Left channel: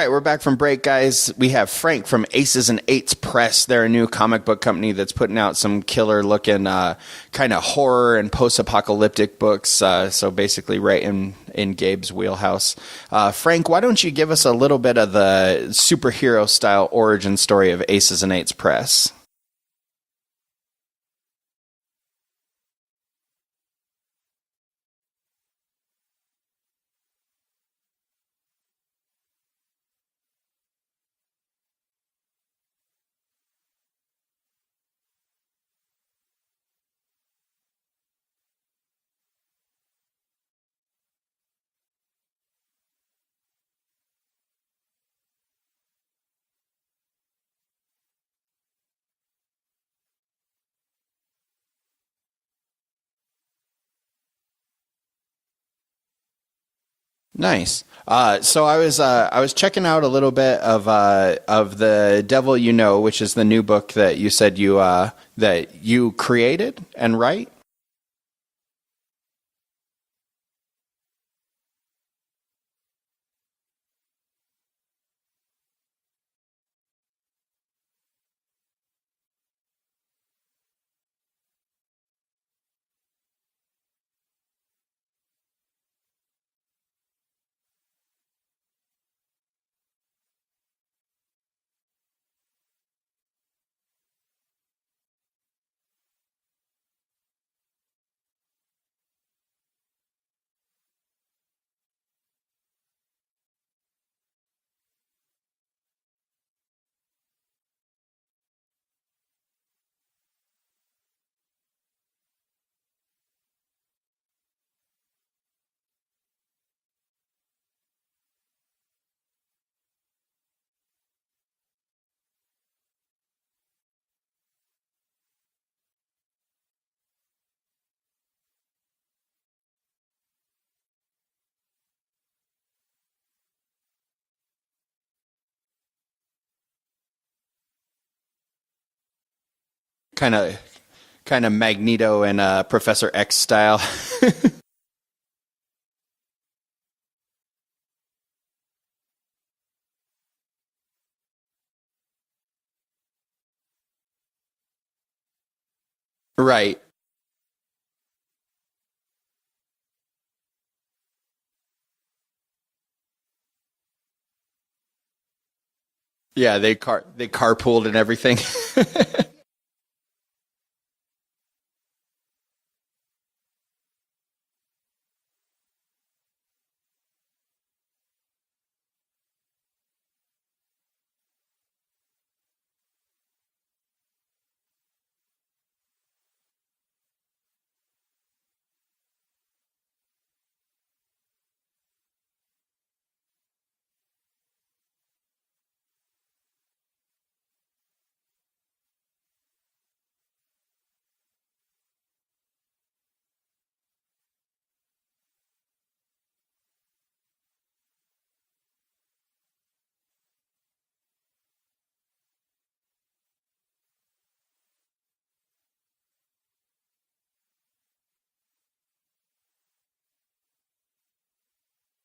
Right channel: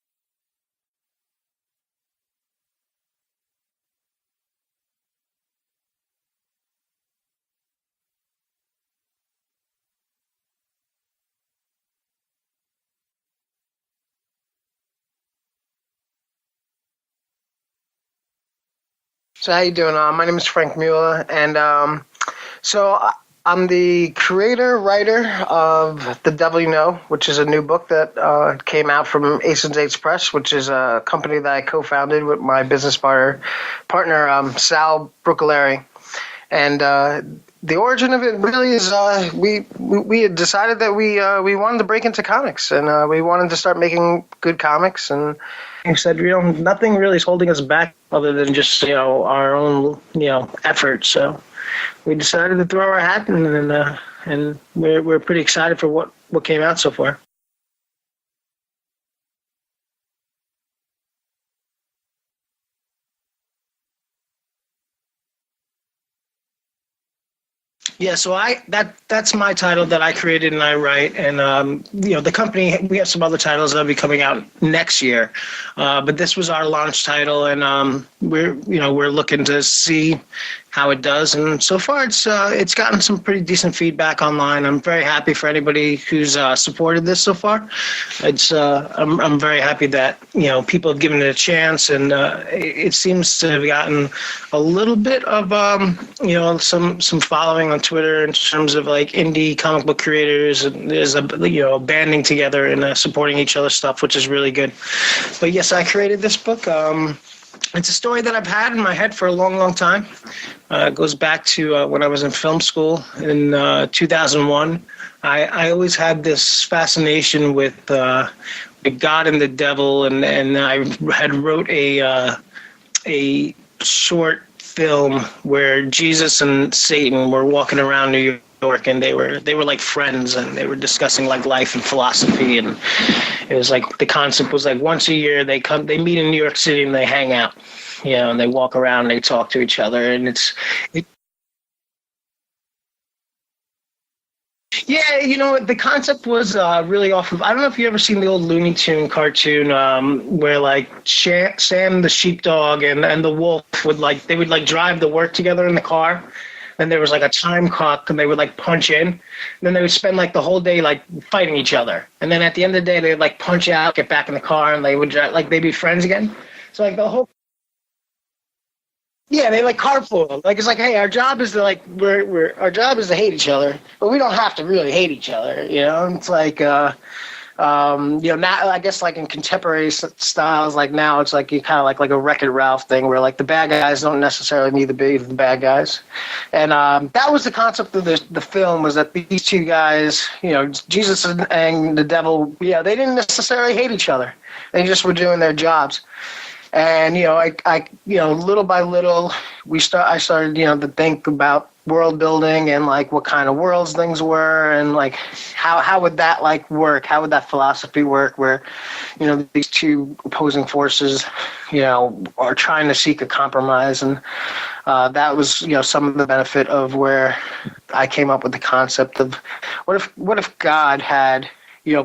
right, we're back from break, guys. We have Frank from Aces and Eights Press. They're a new comic book company that's putting out some killer-looking kind of horror and post-apocalyptic books, so basically right in Gabe's wheelhouse. Frank, why don't you give us a little bit of the superhero-style origin story of Aces and Eights Press? So how you doing? My name is Frank Mueller, and so I'm the creator, writer of The Devil You Know, which is a new book that came out from Aces and Eights Press, which is a company that I co-founded with my business partner Sal Bruccolari. And the origin of it really is we had decided that we wanted to break into comics, and we wanted to start making good comics. And we said, nothing really is holding us back other than just our own effort. So we decided to throw our hat in, and we're pretty excited for what came out so far. Nice. So I was checking out a little bit of The Devil You Know, which is the new book that you said that you created and write. Yeah, so that's my title that I created and I write, and the company, we have some other titles that'll be coming out next year, but this was our launch title, and we're looking to see how it does, and so far it's gotten some pretty decent feedback online. I'm very happy for anybody who's supported this so far. I'm very happy that people have given it a chance, and it seems to have gotten a little bit of some following on Twitter in terms of like indie comic book creators, and there's a banding together and supporting each other's stuff, which is really good. But yes, I created this book. It's a story that I've had in my head for a long, long time. It goes back to when I was in film school in 2001. I always had this fascination with God and the devil, and I had wrote a short film where Jesus and Satan were walking around New York, and they were like friends, and they were discussing like life and philosophy, and it was like the concept was like once a year they meet in New York City and they hang out, and they walk around and they talk to each other, and kind of Magneto and Professor X style. Yeah, the concept was really off of, I don't know if you ever seen the old Looney Tune cartoon where like Sam the sheepdog and the wolf would drive to work together in the car. Right. And there was like a time clock, and they would like punch in. And then they would spend like the whole day like fighting each other. And then at the end of the day, they'd like punch out, get back in the car, and they would they'd be friends again. Yeah, they carpooled and everything. Yeah, they like carpool. Like it's like, hey, our job is to our job is to hate each other, but we don't have to really hate each other. It's like now I guess like in contemporary styles, like now it's like you kind of like a Wreck-It Ralph thing where like the bad guys don't necessarily need to be the bad guys, and that was the concept of the film, was that these two guys, Jesus and the devil, they didn't necessarily hate each other, they just were doing their jobs. And I little by little I started to think about world building and like what kind of worlds things were, and like how would that like work? How would that philosophy work where these two opposing forces are trying to seek a compromise? And that was some of the benefit of where I came up with the concept of what if God had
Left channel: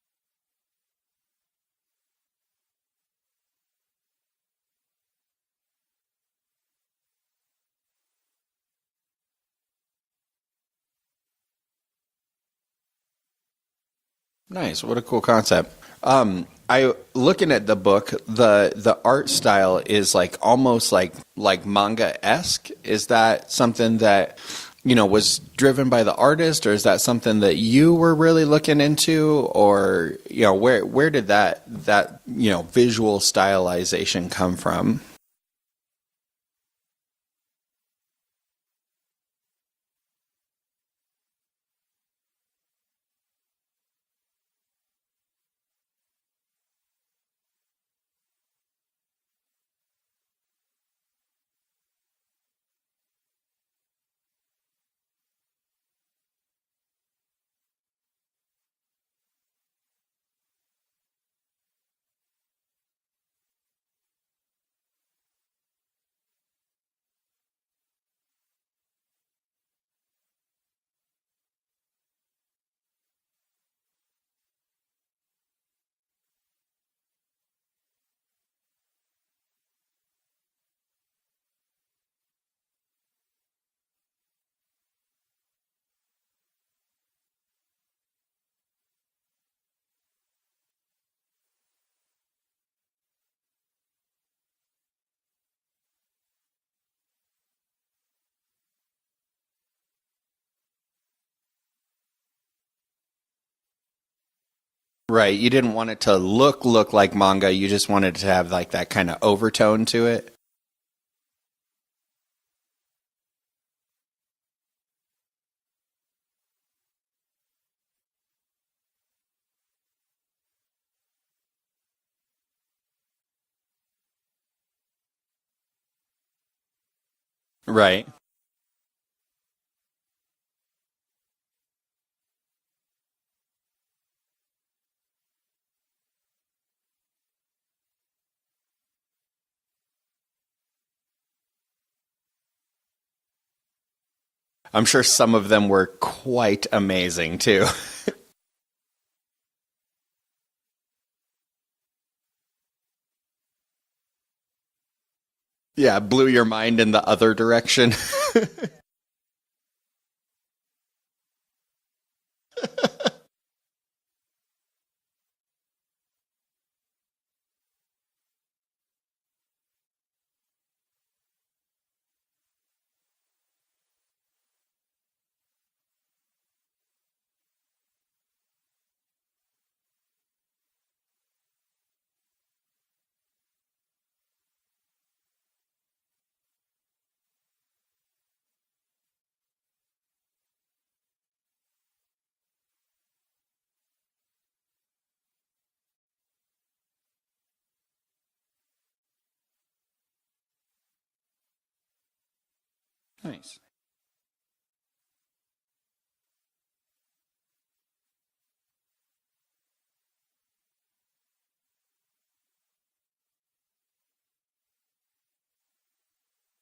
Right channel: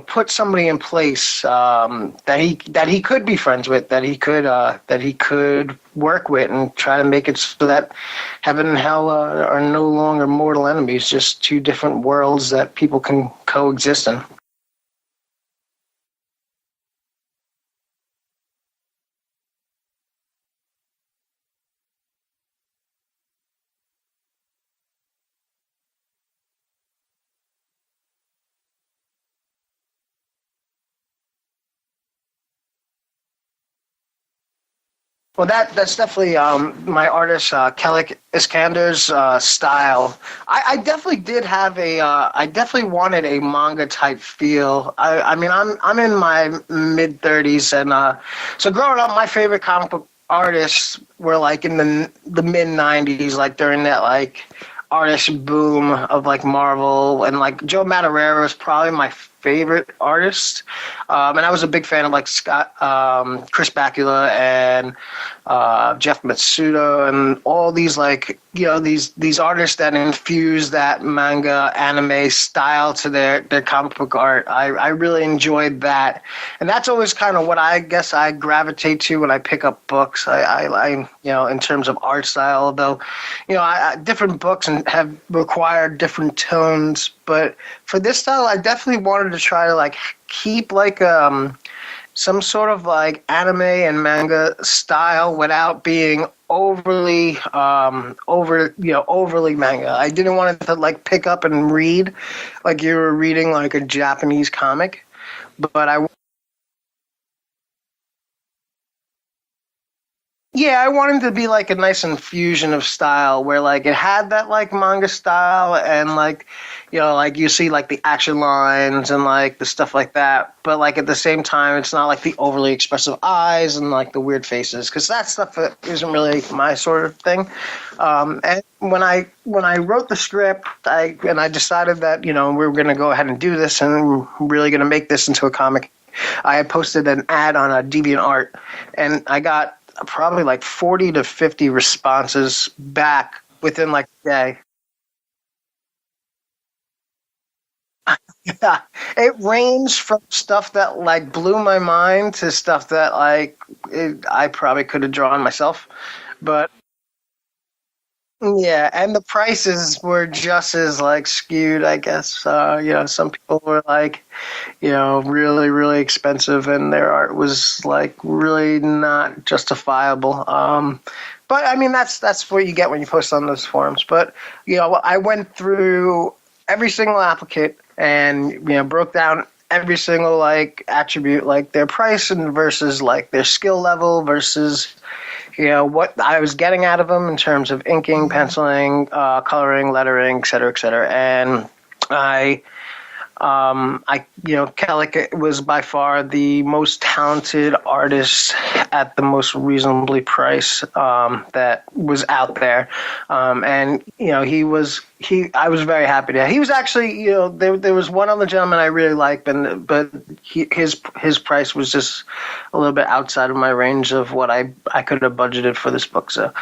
put somebody in place that he could be friends with, that he could work with, and try to make it so that heaven and hell are no longer mortal enemies, just two different worlds that people can coexist in. Nice. What a cool concept. Looking at the book, the art style is like almost like manga-esque. Is that something that was driven by the artist, or is that something that you were really looking into, or where did that visual stylization come from? Well, that's definitely my artist Kelly Iskander's style. I definitely did have I definitely wanted a manga type feel. I mean, I'm in my mid 30s, and so growing up, my favorite comic book artists were like in the mid 90s, like during that like artist boom of like Marvel, and like Joe Madureira is probably my favorite artist. And I was a big fan of like Chris Bakula and Jeff Matsuda and all these like these artists that infuse that manga anime style to their comic book art. I really enjoyed that, and that's always kind of what I guess I gravitate to when I pick up books. I in terms of art style, though, different books and have required different tones, but for this style, I definitely wanted to try to like keep like some sort of like anime and manga style without being overly overly manga. I didn't want it to like pick up and read like you were reading like a Japanese comic. Right. You didn't want it to look like manga. You just wanted to have like that kind of overtone to it. Yeah, I wanted to be like a nice infusion of style where like it had that like manga style and like, like you see like the action lines and like the stuff like that. But like at the same time, it's not like the overly expressive eyes and like the weird faces, because that stuff isn't really my sort of thing. Right. And when I wrote the script, I decided that, we were going to go ahead and do this and we're really going to make this into a comic. I had posted an ad on a DeviantArt and I got probably like 40 to 50 responses back within like a day. I'm sure some of them were quite amazing too. Yeah, it ranged from stuff that like blew my mind to stuff that like I probably could have drawn myself. Yeah, blew your mind in the other direction. Yeah, and the prices were just as like skewed, I guess. Some people were like, really, really expensive, and their art was like really not justifiable. But I mean, that's what you get when you post on those forums. But I went through every single applicant and broke down every single like attribute, like their price and versus like their skill level versus what I was getting out of them in terms of inking, penciling, coloring, lettering, et cetera, and Kellic was by far the most talented artist at the most reasonably priced that was out there, and I was very happy to. He was actually there was one other gentleman I really liked, but his price was just a little bit outside of my range of what I could have budgeted for this book. So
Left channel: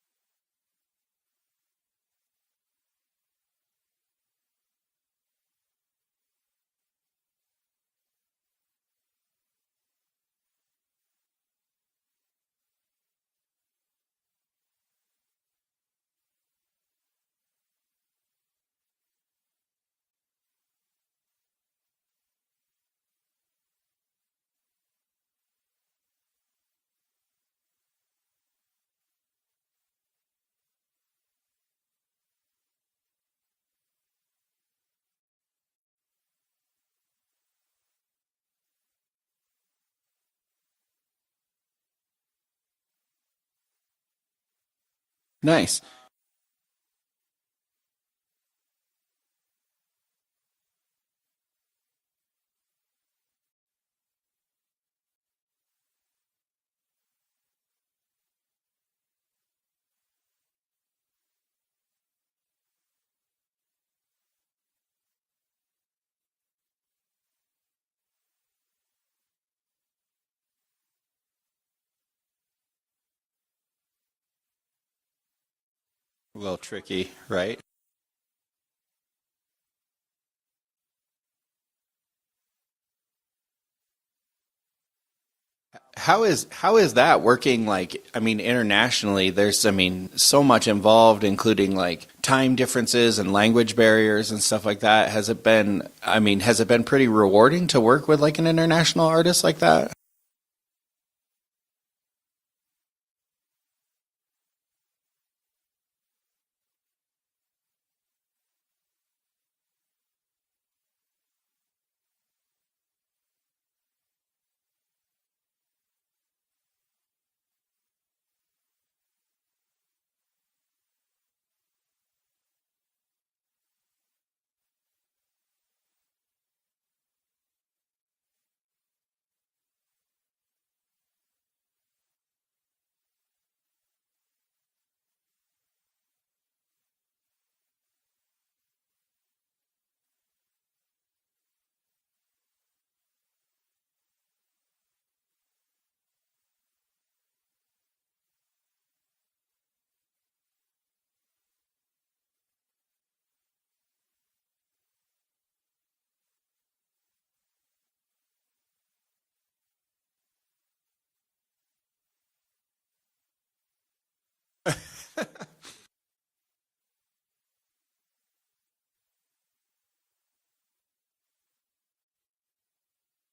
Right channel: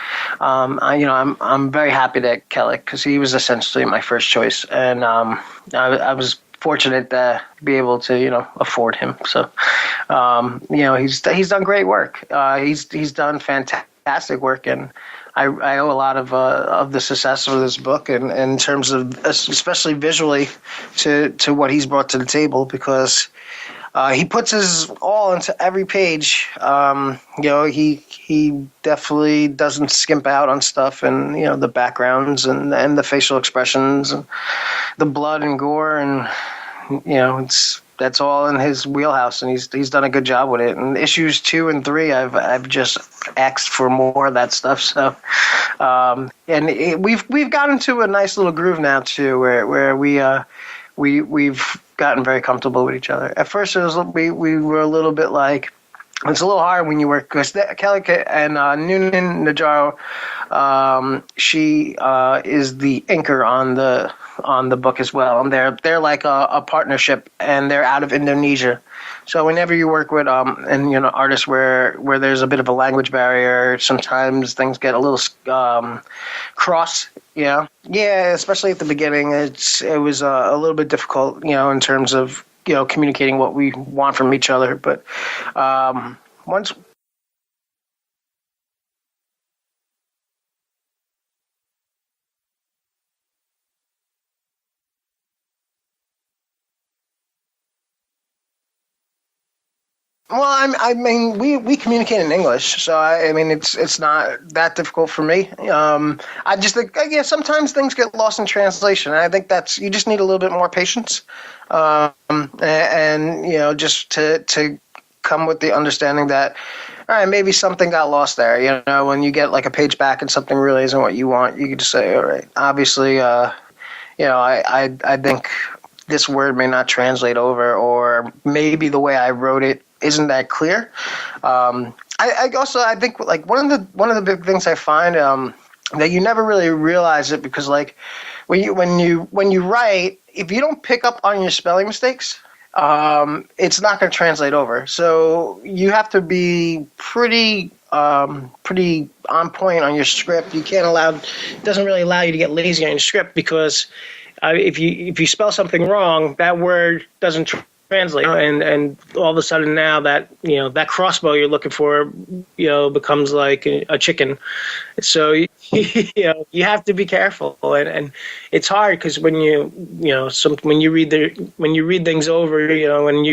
I'm very happy to Kellic because he was essentially my first choice, and I was fortunate to be able to afford him. So he's done great work. He's done fantastic work, and I owe a lot of the success of this book and in terms of especially visually to what he's brought to the table, because he puts his all into every page. He definitely doesn't skimp out on stuff, and the backgrounds and the facial expressions and the blood and gore, and that's all in his wheelhouse, and he's done a good job with it. And issues 2 and 3, I've just asked for more of that stuff. So nice. We've gotten to a nice little groove now too, where we've gotten very comfortable with each other. At first, we were a little bit like, it's a little hard when you work, because Kelly and Noonan Najaro, she is the inker on the book as well, and they're like a partnership, and they're out of Indonesia. So whenever you work with artists where there's a bit of a language barrier, sometimes things get a little cross. Tricky, right? Yeah, especially at the beginning, it was a little bit difficult, in terms of communicating what we want from each other. But how is that working? Like, I mean, internationally, there's so much involved, including like time differences and language barriers and stuff like that. Has it been pretty rewarding to work with like an international artist like that? Well, we communicate in English, so it's not that difficult for me. I just think, sometimes things get lost in translation, and I think you just need a little bit more patience, and just to come with the understanding that, all right, maybe something got lost there. When you get like a page back and something really isn't what you want, you can just say, all right, obviously, I think this word may not translate over, or maybe the way I wrote it isn't that clear. I think like one of the big things I find that you never really realize it, because like when you write, if you don't pick up on your spelling mistakes, it's not going to translate over. So you have to be pretty on point on your script. You can't allow, it doesn't really allow you to get lazy on your script, because if you spell something wrong, that word doesn't translate, and all of a sudden now that that crossbow you're looking for becomes like a chicken. So you have to be careful, and it's hard, because when when you read things over, when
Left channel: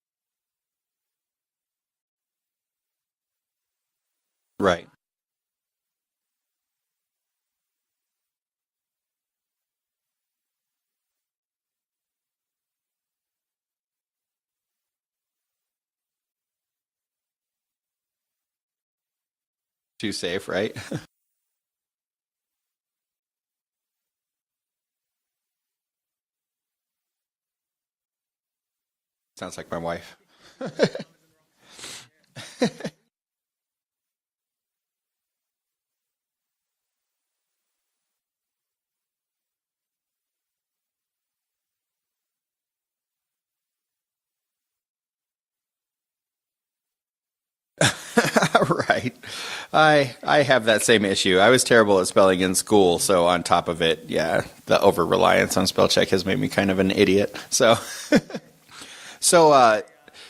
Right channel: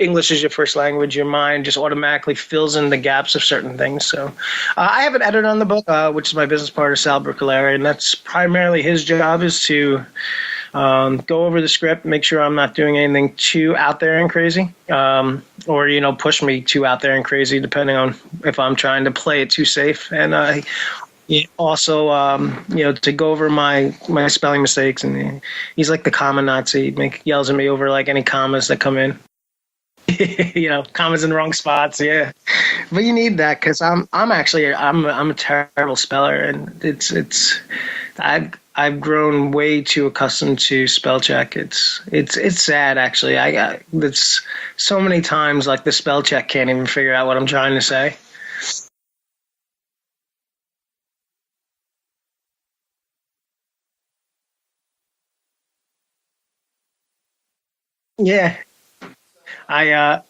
English is your first language, your mind just automatically fills in the gaps of certain things. So Right. I have an editor on the book, which is my business partner, Sal Bruccolari, and that's primarily his job, is to go over the script, make sure I'm not doing anything too out there and crazy, or push me too out there and crazy, depending on if I'm trying to play it too safe. Right. Also, to go over my spelling mistakes, and he's like the comma Nazi. Yells at me over like any commas that come in. Sounds like my wife. Commas in the wrong spots. Yeah, but you need that, because I'm a terrible speller, and I've grown way too accustomed to spell check. It's sad, actually. It's so many times like the spell check can't even figure out what I'm trying to say. Right. I have that same issue. I was terrible at spelling in school, so on top of it, yeah, the over reliance on spell check has made me kind of an idiot. So yeah. So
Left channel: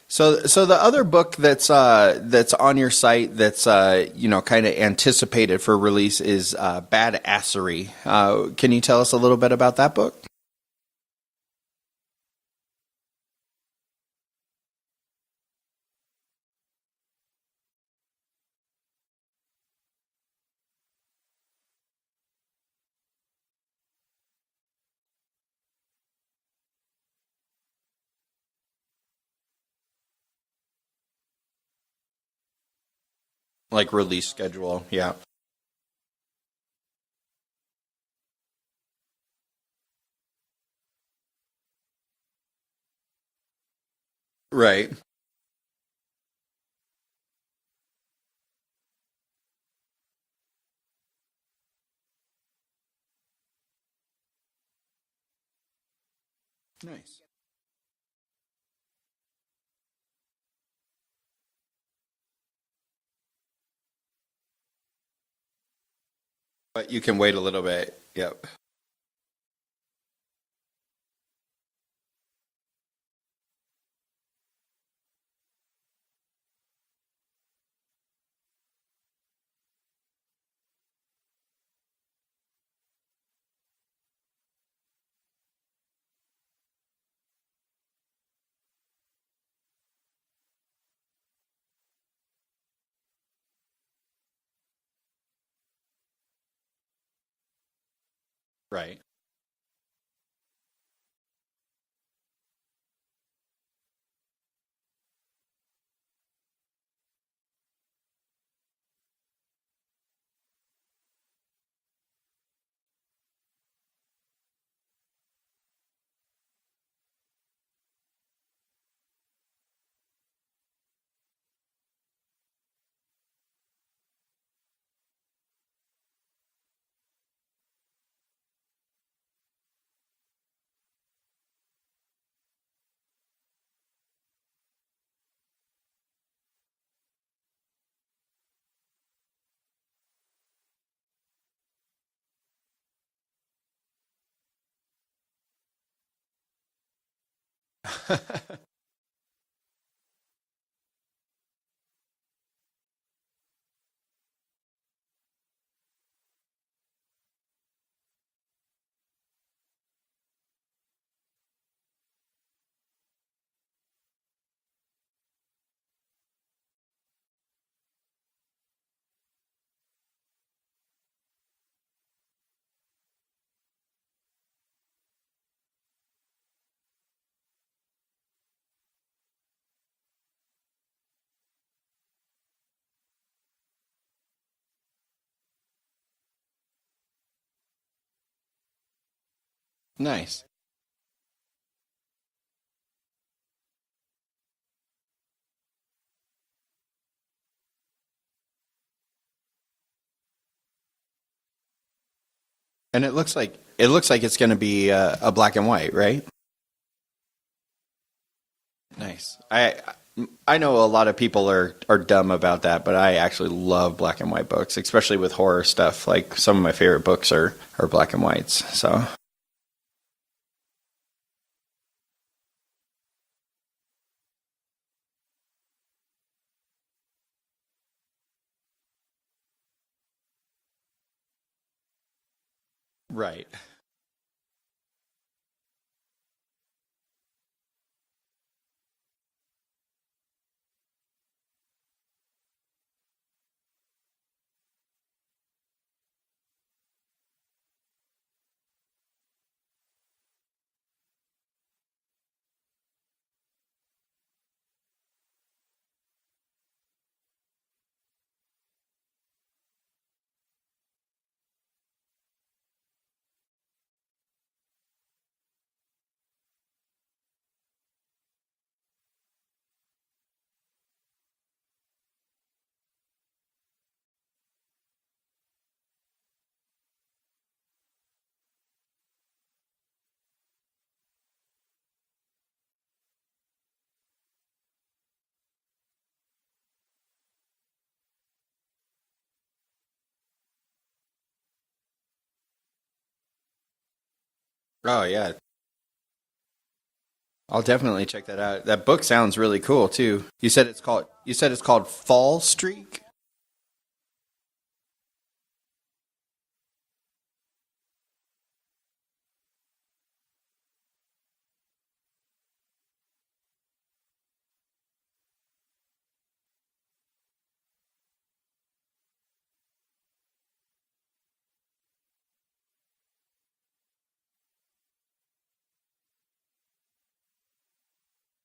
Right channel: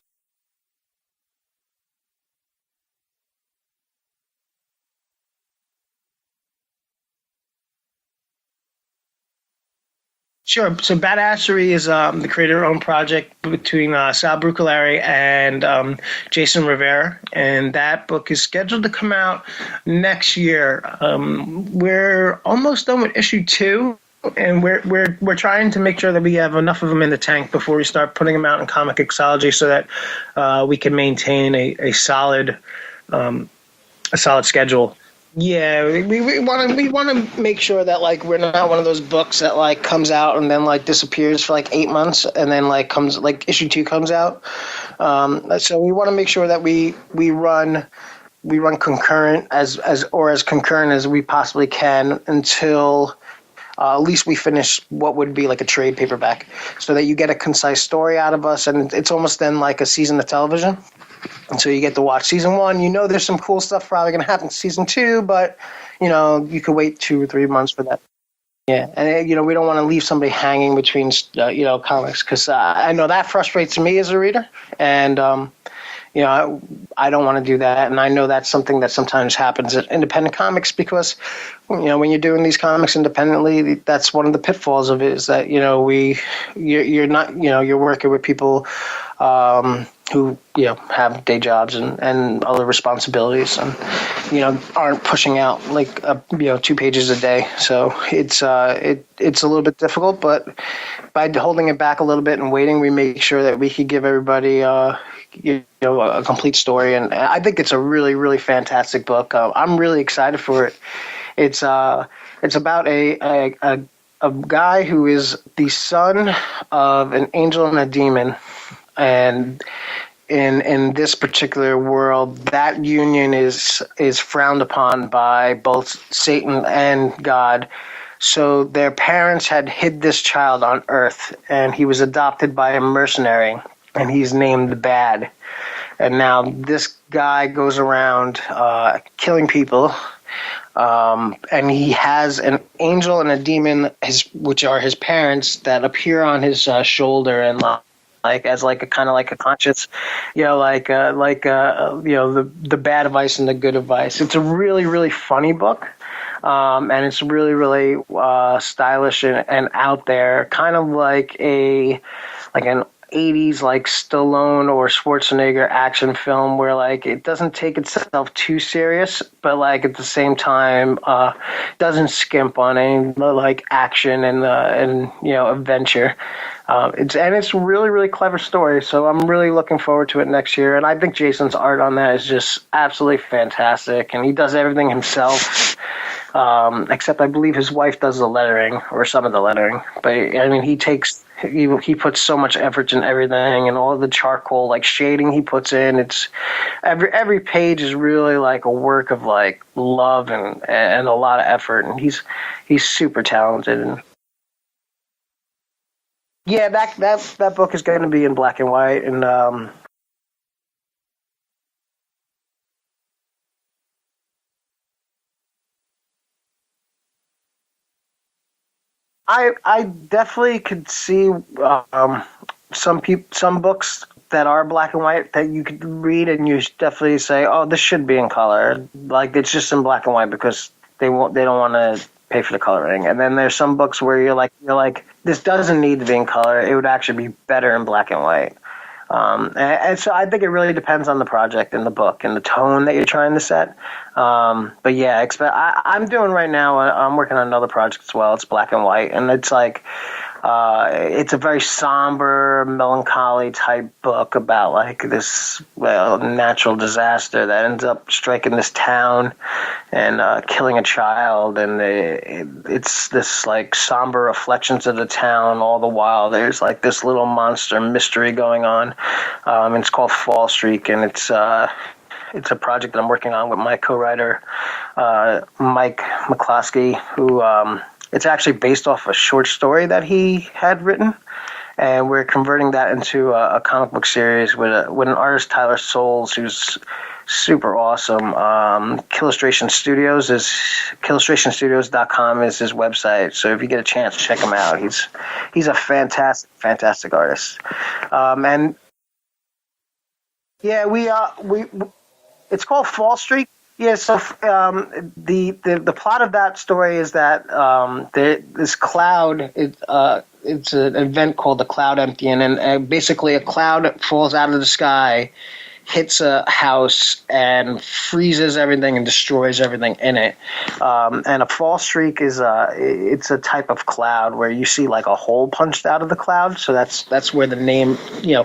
so the other book that's on your site that's kind of anticipated for release is Badassery. Can you tell us a little bit about that book? Sure. So Badassery is the creator-owned project between Sal Bruccolari and Jason Rivera, and that book is scheduled to come out next year. We're almost done with issue 2. And we're trying to make sure that we have enough of them in the tank before we start putting them out in Comic Mixology, so that we can maintain a solid release schedule. Yeah. Yeah, we want to make sure that like we're not one of those books that like comes out and then like disappears for like 8 months and then like comes like issue 2 comes out. Right. So we want to make sure that we run concurrent as concurrent as we possibly can until at least we finish what would be like a trade paperback, so that you get a concise story out of us, and it's almost then like a season of television. And so you get to watch season 1. There's some cool stuff probably going to happen in season 2, but you can wait 2-3 months for that. Yep. Yeah, and we don't want to leave somebody hanging between comics, because I know that frustrates me as a reader, and I don't want to do that, and I know that's something that sometimes happens at independent comics, because when you're doing these comics independently, that's one of the pitfalls of it, is that you're working with people who have day jobs and other responsibilities, and aren't pushing out like 2 pages a day. So it's a little bit difficult, but by holding it back a little bit and waiting, we make sure that we could give everybody a complete story. And I think it's a really, really fantastic book. I'm really excited for it. It's about a guy who is the son of an angel and a demon, and in this particular world, that union is frowned upon by both Satan and God. So their parents had hid this child on Earth, and he was adopted by a mercenary, and he's named Bad. And now this guy goes around killing people, and he has an angel and a demon, which are his parents, that appear on his shoulder, and like as like a kind of like a conscious, the bad advice and the good advice. It's a really, really funny book. And it's really, really stylish and out there, kind of like an 80s like Stallone or Schwarzenegger action film, where like it doesn't take itself too serious, but like at the same time doesn't skimp on any like action and adventure. It's a really, really clever story, so I'm really looking forward to it next year. And I think Jason's art on that is just absolutely fantastic, and he does everything himself. Except I believe his wife does the lettering, or some of the lettering. But Nice. I mean, he takes he puts so much effort in everything, and all the charcoal like shading he puts in. It's every page is really like a work of like love and a lot of effort, and he's And super talented. It looks like it's going to be a black and white, right? Yeah, that book is going to be in black and white, Yes. and I know a lot of people are dumb about that, but I actually love black and white books, especially with horror stuff. Like some of my favorite books are black and whites. So I definitely could see some books that are black and white that you could read and you definitely say, oh, this should be in color. Like it's just in black and white because they don't want to pay for the coloring. And then there's some books where you're like, this doesn't need to be in color. It would actually be better in black and white. And so I think it really depends on the project and the book and the tone that you're trying to set. But yeah, I'm doing right now, I'm working on another project as well. It's black and white, and it's like, it's a very somber, melancholy type book about like this natural disaster that ends up striking this town and killing a child, and it's this like somber reflections of the town. All the while, there's like this little monster mystery going on. It's called Fall Streak, and it's a project that I'm working on with my co-writer Mike McCloskey, who. It's actually based off a short story that he had written, and we're converting that into a comic book series with an artist, Tyler Souls, who's super awesome. Killustrationstudios.com is his website, so if you get a chance, check him out. He's a fantastic artist. I'll definitely check that out. That book sounds really cool too. You said it's called Fall Streak? It's called Fall Streak. Yeah, so the plot of that story is that this cloud, it's an event called the Cloud Emptying, and basically a cloud falls out of the sky, hits a house, and freezes everything and destroys everything in it. And a fall streak is it's a type of cloud where you see like a hole punched out of the cloud, so that's where the name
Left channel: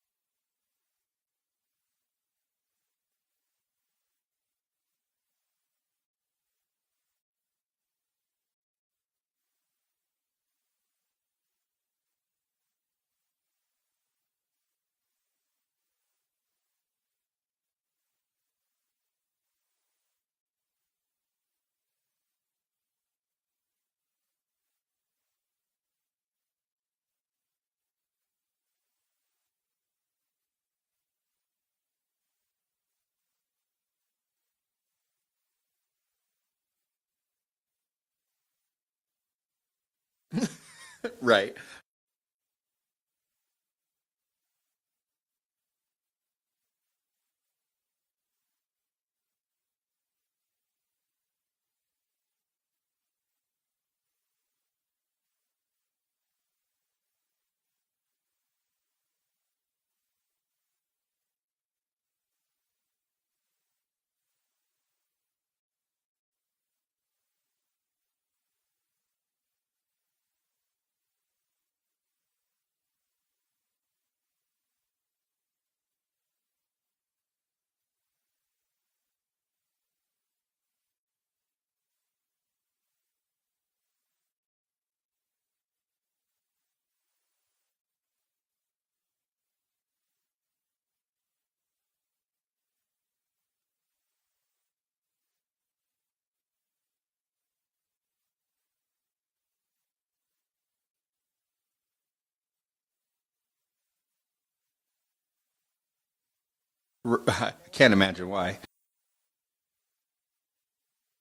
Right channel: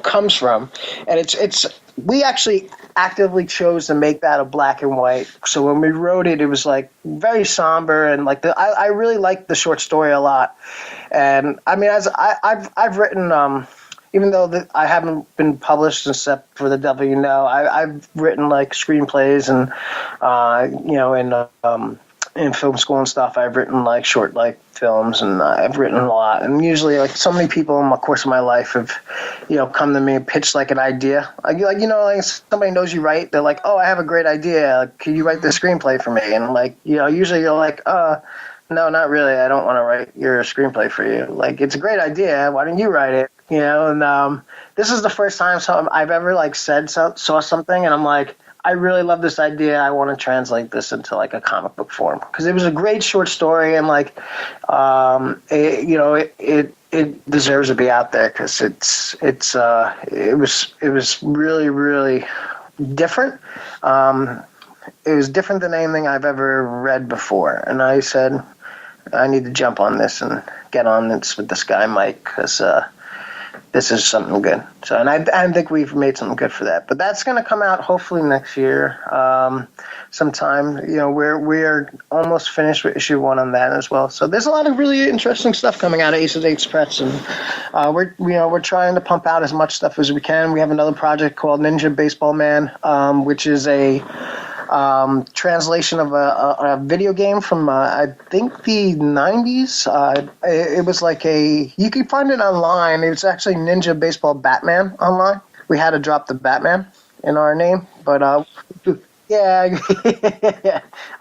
comes from, and it's we actually actively chose to make that a black and white. So when we wrote it, it was like very somber, and like I really liked the short story a lot. And I mean, as I've written, even though I haven't been published except for The Devil You Know, I've written like screenplays and in film school and stuff, I've written like short like films, and I've written a lot. And usually, like so many people in the course of my life have, come to me and pitched like an idea. Like somebody knows you write, they're like, oh, I have a great idea. Like, can you write the screenplay for me? And I'm like, usually you're like, no, not really. I don't want to write your screenplay for you. Right. Like, it's a great idea. Why don't you write it? And this is the first time I've ever like saw something, and I'm like, I really love this idea. I want to translate this into like a comic book form, because it was a great short story, and like, it deserves to be out there because it was really, really different. It was different than anything I've ever read before, and I said I need to jump on this and get on this with this guy Mike, because this is something good. So, and I think we've made something good for that. But that's going to come out hopefully next year, sometime. We're almost finished with issue 1 on that as well. So there's a lot of really interesting stuff coming out of Ace of Eights Press, and we're trying to pump out as much stuff as we can. We have another project called Ninja Baseball Man, which is a translation of a video game from I think the 90s. It was like you can find it online. It's actually Ninja Baseball Batman online. We had to drop the Batman in our name. Can't imagine why. Yeah,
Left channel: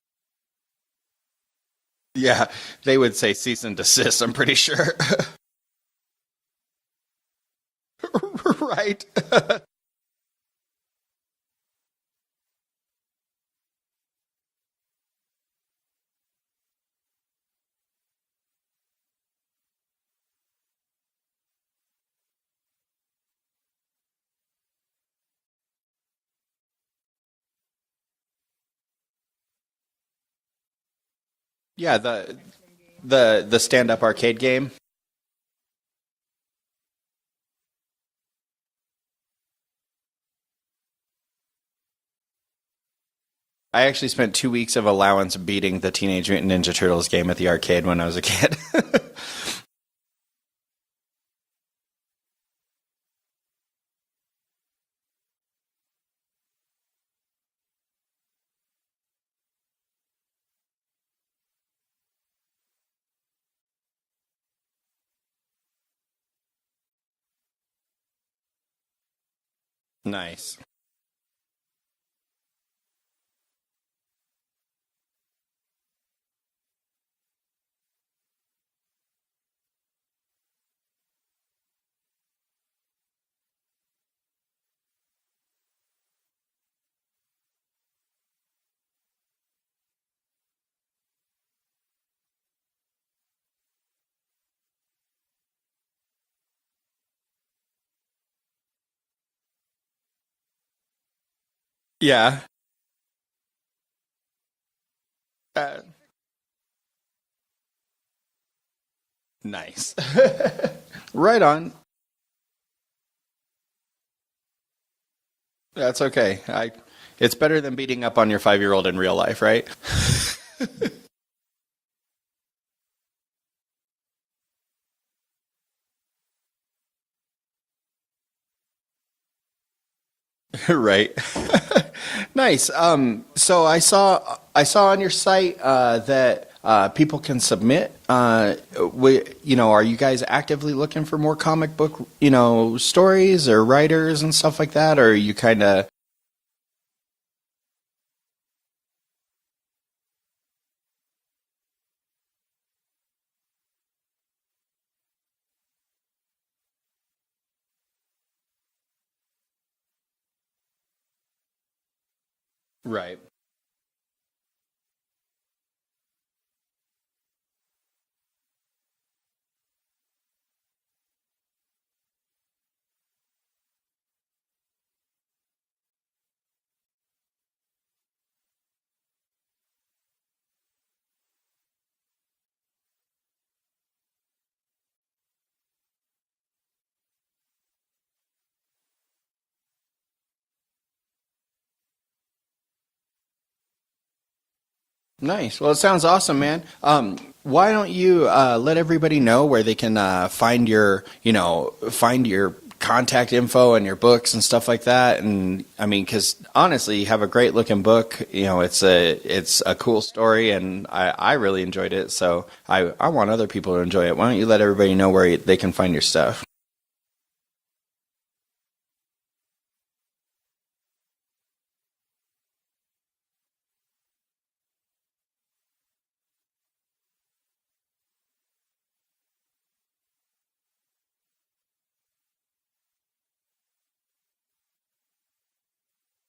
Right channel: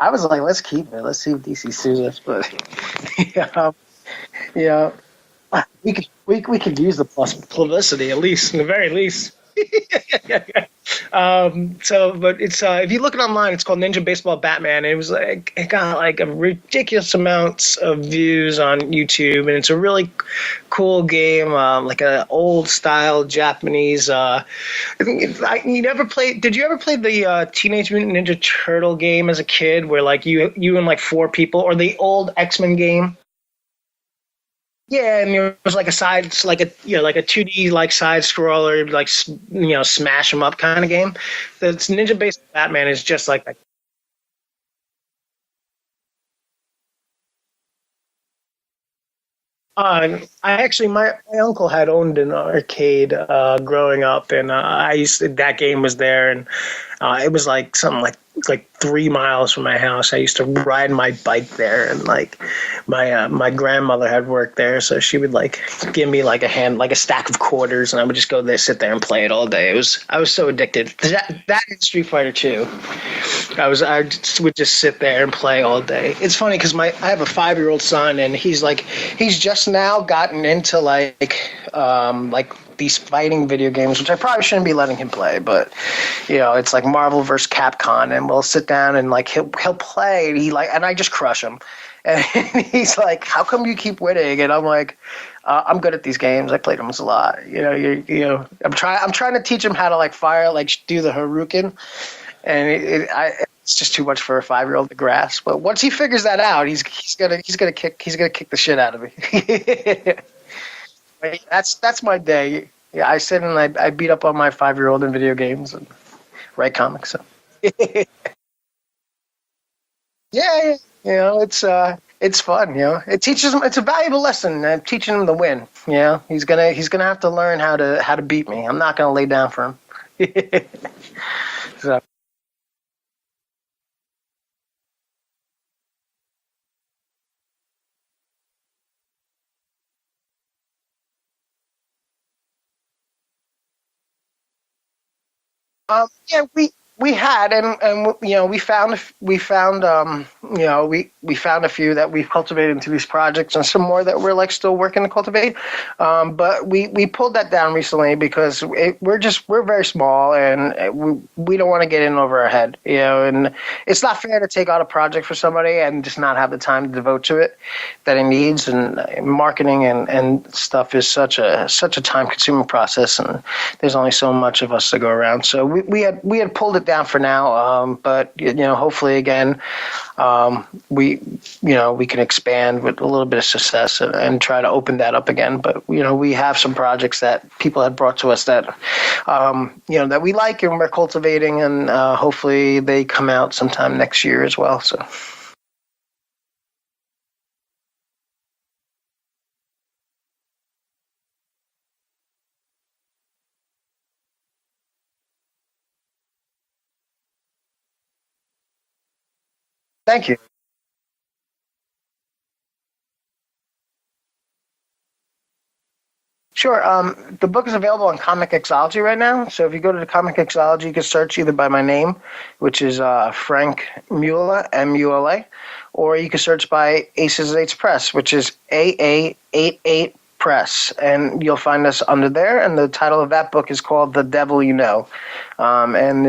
I was like, let's keep it. Let's see if DC sues us. Yeah, they would say cease and desist, I'm pretty sure. We could use the publicity, at least, in the very least. But it's if you look it online, it's called Ninja Baseball Batman. And it got like a ridiculous amounts of views on YouTube, and it's a really cool game, like an old style Japanese. You never played? Did you ever play the Teenage Mutant Ninja Turtle game as a kid, where like you and like 4 people, or the old X-Men game? The stand up arcade game. Yeah, and it was like a 2D like side scroller, like smash them up kind of game. The Ninja Based Batman is just like that. I actually spent 2 weeks of allowance beating the Teenage Mutant Ninja Turtles game at the arcade when I was a kid. My uncle had owned an arcade growing up, and that game was there, and it was like something like 3 miles from my house. I used to ride my bike there, and like my grandmother had worked there, so she would like give me like a stack of quarters, and I would just go there, sit there, and play it all day. I was so Nice. addicted. That and Street Fighter 2. Would just sit there and play all day. It's funny because I have a 5-year-old son, and he's just now gotten into like these fighting video games, which I probably shouldn't be letting him play, but it's like Marvel vs. Capcom, and we'll sit down and like he'll play, and I just crush him, and he's like, "How come you keep winning?" And I'm like, I'm good at these games. I played them a lot. I'm trying to teach him how to like fire, like do the Haruken, Yeah. and it's just too much for a 5-year-old to grasp. But once he figures that out, he's gonna kick the shit out of me. Nice. Right on. That's my day. Yeah, I sit and I beat up on my 5-year-old in video games. That's okay. Write comics. So. It's better than beating up on your 5-year-old in real life, right? Yeah. It's fun. It teaches him. It's a valuable lesson. Teaching him to win. He's gonna have to learn how to beat me. I'm not gonna lay down for him. Right. So, Nice. So I saw on your site that people can submit. Are you guys actively looking for more comic book, stories or writers and stuff like that, or are you kind of? yeah, we had, and we found a few that we've cultivated into these projects, and some more that we're like still working to cultivate. But we pulled that down recently because we're very small, and we don't want to get in over our head, and it's not fair to take out a project for somebody and just not have the time to devote to it that it needs. And marketing and stuff is such a time consuming process, and there's only so much of us to go around. So we had pulled it down for now, but hopefully again, we can expand with a little bit of success and try to open that up again. But we have some projects that people had brought to us that that we like and we're cultivating, and hopefully they come out sometime next year as well. So Nice. Well, it sounds awesome, man. Why don't you let everybody know where they can find your contact info and your books and stuff like that? And I mean, because honestly, you have a great looking book. It's a cool story, and I really enjoyed it. So I want other people to enjoy it. Why don't you let everybody know where they can find your stuff? Sure. The book is available on Comic Xology right now. So if you go to the Comic Xology, you can search either by my name, which is Frank Mula, Mula, or you can search by Aces 8 Press, which is AA88 Press, and you'll find us under there. And the title of that book is called The Devil You Know. And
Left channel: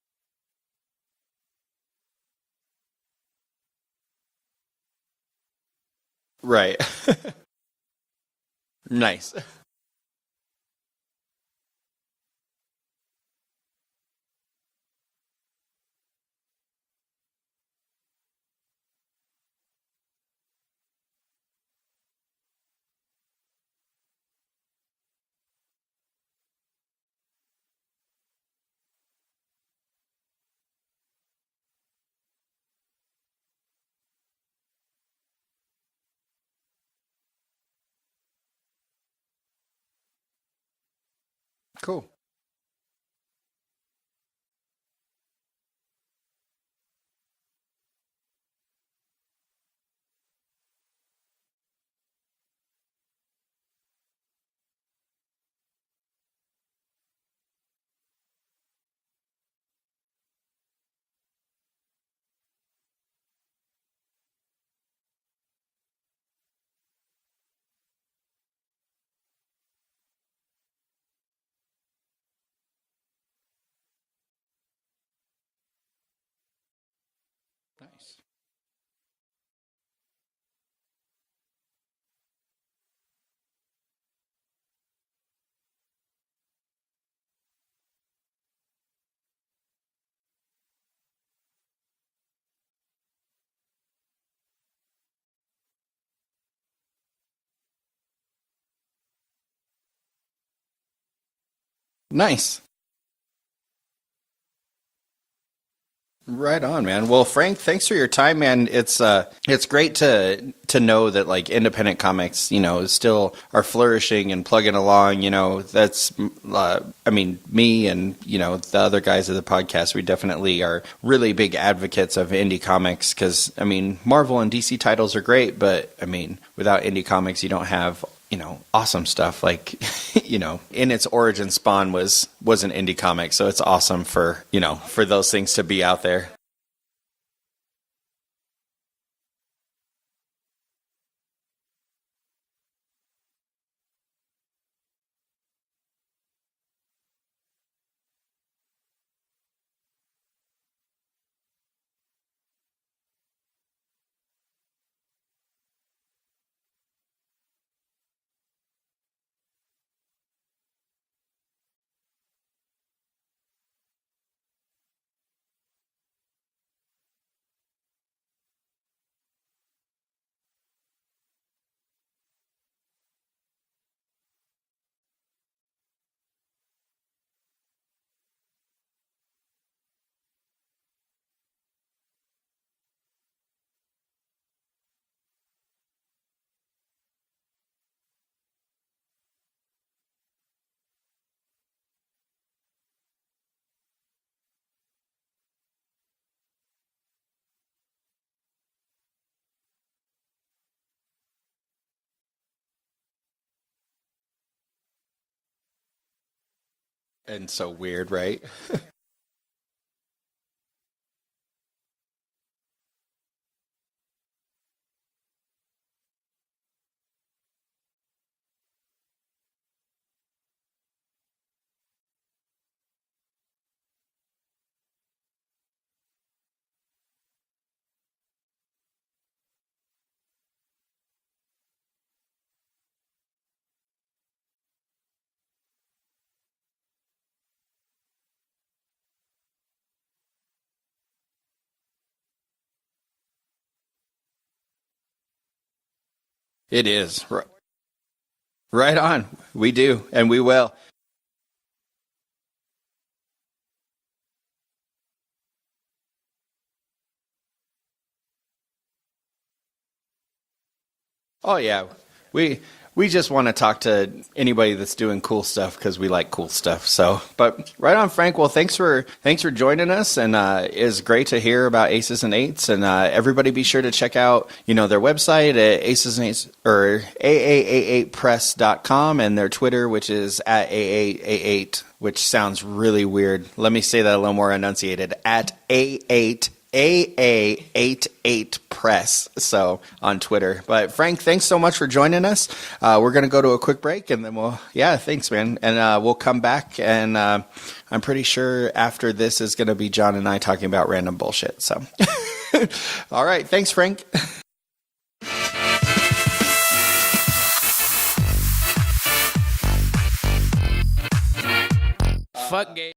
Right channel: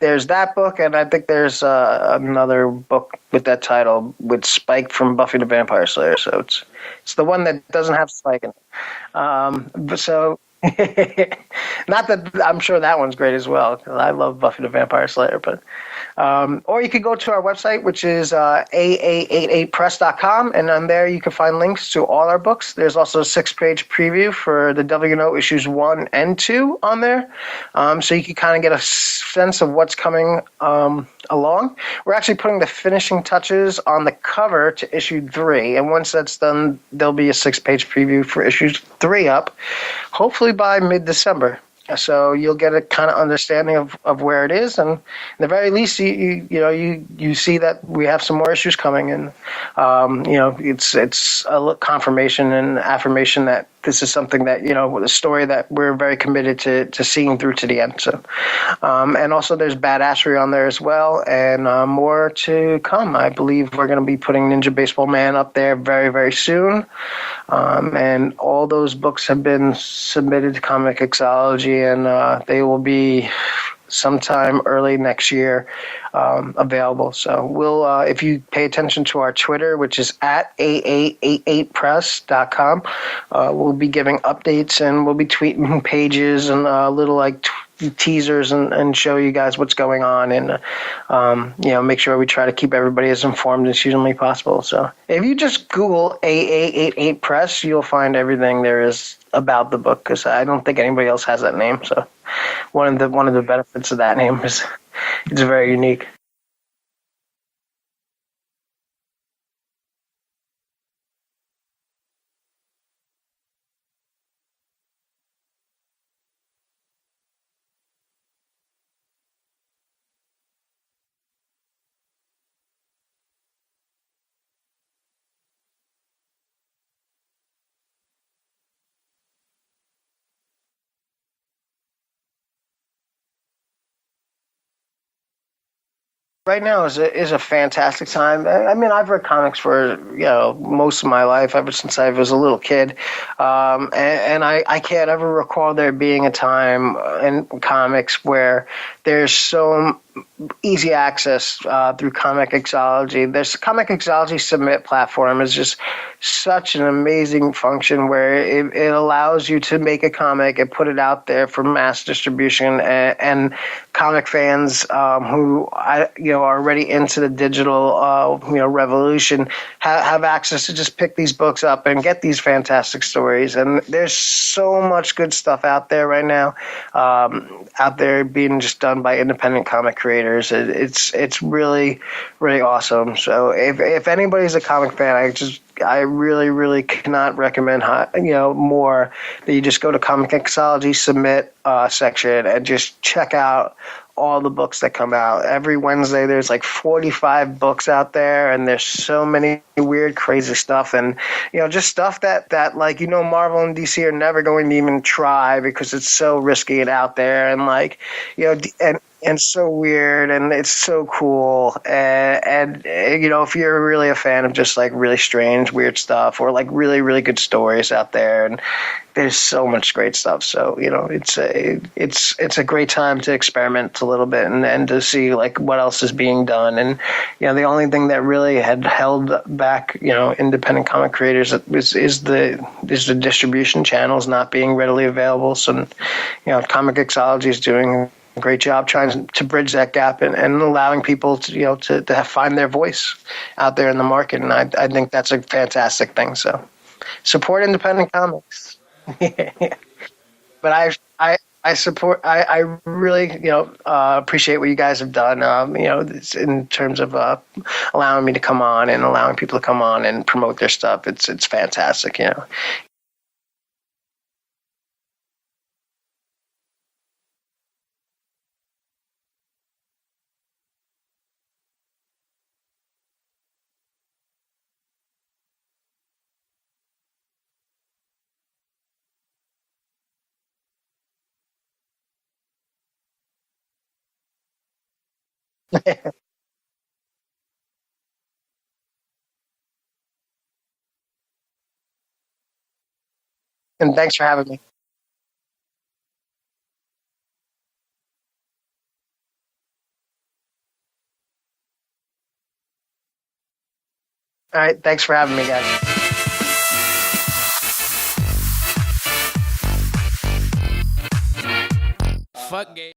there's that book, and I think there's another book with that title with Spike from Buffy the Vampire Slayer. So it's the one that doesn't have Spike in it. Nice. But so not that I'm sure that one's great as well, because I love Buffy the Vampire Slayer. But or you could go to our website, which is aa88press.com, and on there you can find links to all our books. There's also a 6-page preview for the WNO issues 1 and 2 on there, so you can kind of get a sense of what's coming along. We're actually putting the finishing touches on the cover to issue 3, and once that's done, there'll be a 6-page preview for issues 3 up, hopefully by mid-December. Cool. So you'll get a kind of understanding of where it is, and at the very least, you see that we have some more issues coming, and it's a confirmation and affirmation that this is something that a story that we're very committed to seeing through to the end. So, and also there's Badassery on there as well, and more to come. I believe we're going to be putting Ninja Baseball Man up there very, very soon. And all those books have been submitted to Comic Xology, and they will be sometime early next year available. So we'll, if you pay attention to our Twitter, which is at aa88press.com, we'll be giving updates, and we'll be tweeting pages and little teasers and show you guys what's going on, and make sure we try to keep everybody as informed as humanly possible. So if you just Google AA88 Press, you'll find everything there is about the book, because I don't think anybody else has that name. So Nice. One of the benefits of that name is it's very unique. Right on, man. Well, Frank, thanks for your time, man. It's great to know that like independent comics, still are flourishing and plugging along. That's I mean, me and the other guys of the podcast, we definitely are really big advocates of indie comics because I mean, Marvel and DC titles are great, but I mean, without indie comics, you don't have awesome stuff like, in its origin, Spawn was an indie comic. So it's awesome for those things to be out there. Right now is a fantastic time. I mean, I've read comics for, most of my life, ever since I was a little kid. And I can't ever recall there being a time in comics where there's so easy access through Comic Mixology. There's Comic Mixology Submit platform is just such an amazing function where it allows you to make a comic and put it out there for mass distribution, and comic fans who are already into the digital revolution have access to just pick these books up and get these fantastic stories. And there's so much good stuff out there right now, out there being just done by independent comic creators. It's really, really awesome. So if anybody's a comic fan, I really, really cannot recommend more that you just go to Comic Mixology Submit section and just check out all the books that come out. Every Wednesday there's like 45 books out there, and there's so many weird, crazy stuff, and just stuff that Marvel and DC are never going to even try because it's so risky and out there, and so like weird, right? and so weird, and it's so cool. And if you're really a fan of just like really strange, weird stuff, or like really, really good stories out there, and there's so much great stuff. So it's a great time to experiment a little bit and to see like what else is being done. And the only thing that really had held back independent comic creators is the distribution channels not being readily available. So Comic Mixology is doing a great job trying to bridge that gap and allowing people to find their voice out there in the market. And I think that's a fantastic thing. So it is. Support independent comics. Right on. We do, and we will. But I support. I really appreciate what you guys have done. In terms of allowing me to come on and allowing people to come on and promote their stuff. It's fantastic. Yeah. We just want to talk to anybody that's doing cool stuff because we like cool stuff. So, but right on, Frank. Well, thanks for joining us, and it's great to hear about Aces and Eights. And everybody, be sure to check out their website at Aces and Eights or AAA8press.com, and their Twitter, which is at AA88. Which sounds really weird. Let me say that a little more enunciated. At AA88 Press. So on Twitter. But Frank, thanks so much for joining us. We're going to go to a quick break. And thanks for having me. Yeah, thanks, man. And we'll come back. And I'm pretty sure after this is going to be John and I talking about random bullshit. So, all right. Thanks, Frank. All right. Thanks for having me, guys. Fuck gay.